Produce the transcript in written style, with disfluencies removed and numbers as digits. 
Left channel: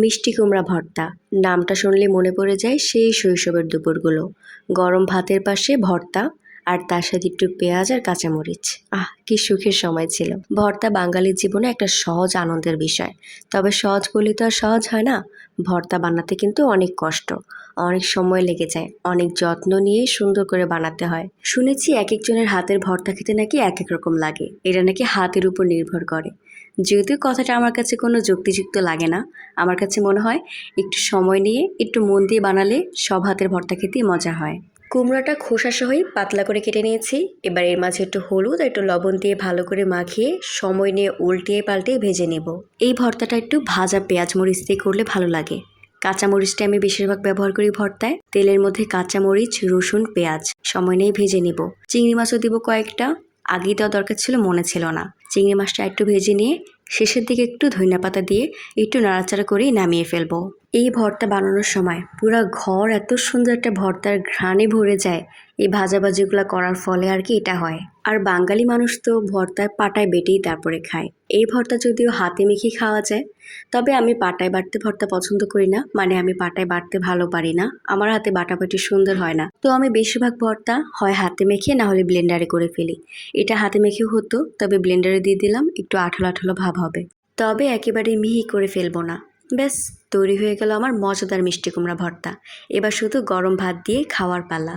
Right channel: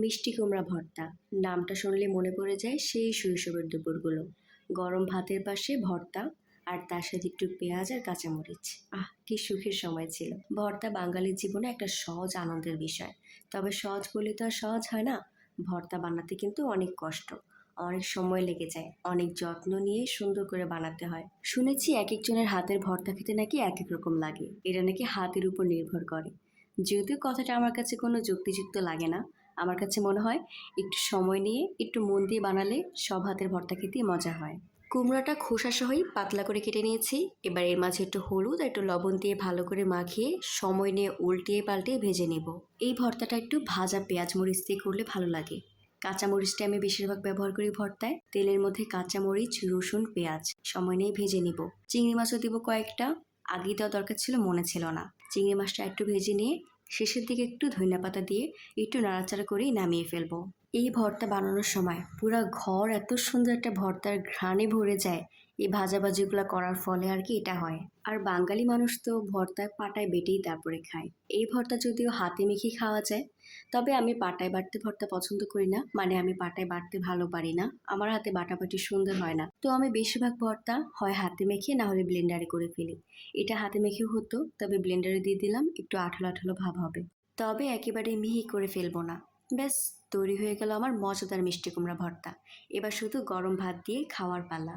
মিষ্টি কুমড়া ভর্তা নামটা শুনলে মনে পড়ে যায় সেই শৈশবের দুপুরগুলো। গরম ভাতের পাশে ভর্তা আর তার সাথে একটু পেঁয়াজ আর কাঁচামরিচ। কি সুখের সময় ছিল। ভর্তা বাঙালির জীবনে একটা সহজ আনন্দের বিষয়। তবে সহজ বলি তো আর সহজ হয় না। ভর্তা বানাতে কিন্তু অনেক কষ্ট, অনেক সময় লেগে যায়, অনেক যত্ন নিয়ে সুন্দর করে বানাতে হয়। শুনেছি এক একজনের হাতের ভর্তা খেতে নাকি এক এক রকম লাগে, এটা নাকি হাতের উপর নির্ভর করে। যদিও কথাটা আমার কাছে কোনো যুক্তিযুক্ত লাগে না। আমার কাছে মনে হয় একটু সময় নিয়ে একটু মন দিয়ে বানালে সব হাতের ভর্তা খেতেই মজা হয়। কুমড়াটা খোসা সহই পাতলা করে কেটে নিয়েছি। এবার এর মাঝে একটু হলুদ আর একটু লবণ দিয়ে ভালো করে মাখিয়ে সময় নিয়ে উল্টিয়ে পাল্টিয়ে ভেজে নেব। এই ভর্তাটা একটু ভাজা পেঁয়াজ মরিচ দিয়ে করলে ভালো লাগে। কাঁচামরিচটা আমি বেশিরভাগ ব্যবহার করি ভর্তায়। তেলের মধ্যে কাঁচামরিচ, রসুন, পেঁয়াজ সময় নিয়ে ভেজে নিব। চিংড়ি মাছও দিব কয়েকটা, আগেই দেওয়া দরকার ছিল, মনে ছিল না। চিংড়ি মাছটা একটু ভেজে নিয়ে শেষের দিকে একটু ধনিয়া পাতা দিয়ে একটু নাড়াচাড়া করেই নামিয়ে ফেলবো। এই ভর্তা বানানোর সময় পুরো ঘর এত সুন্দর একটা ভর্তার ঘ্রাণে ভরে যায়। এই ভাজাভাজিগুলো করার ফলে আর কি এটা হয়। আর বাঙালি মানুষ তো ভর্তায় পাটায় বেটেই তারপরে খায়। এই ভর্তা যদিও হাতে মেখে খাওয়া যায়, তবে আমি পাটায় বাটতে ভর্তা পছন্দ করি না। মানে আমি পাটায় বাটতে ভালো পারি না, আমার হাতে বাটাবাটি সুন্দর হয় না। তো আমি বেশিরভাগ ভর্তা হয় হাতে মেখে না হলে ব্লেন্ডারে করে ফেলি। এটা হাতে মেখেও হতো, তবে ব্লেন্ডারে দিয়ে দিলাম, একটু আঠালো আঠালো ভাব হবে। তবে একেবারে মিহি করে ফেলবো না। ব্যাস, তৈরি হয়ে গেল আমার মজাদার মিষ্টি কুমড়া ভর্তা। এবার শুধু গরম ভাত দিয়ে খাওয়ার পালা।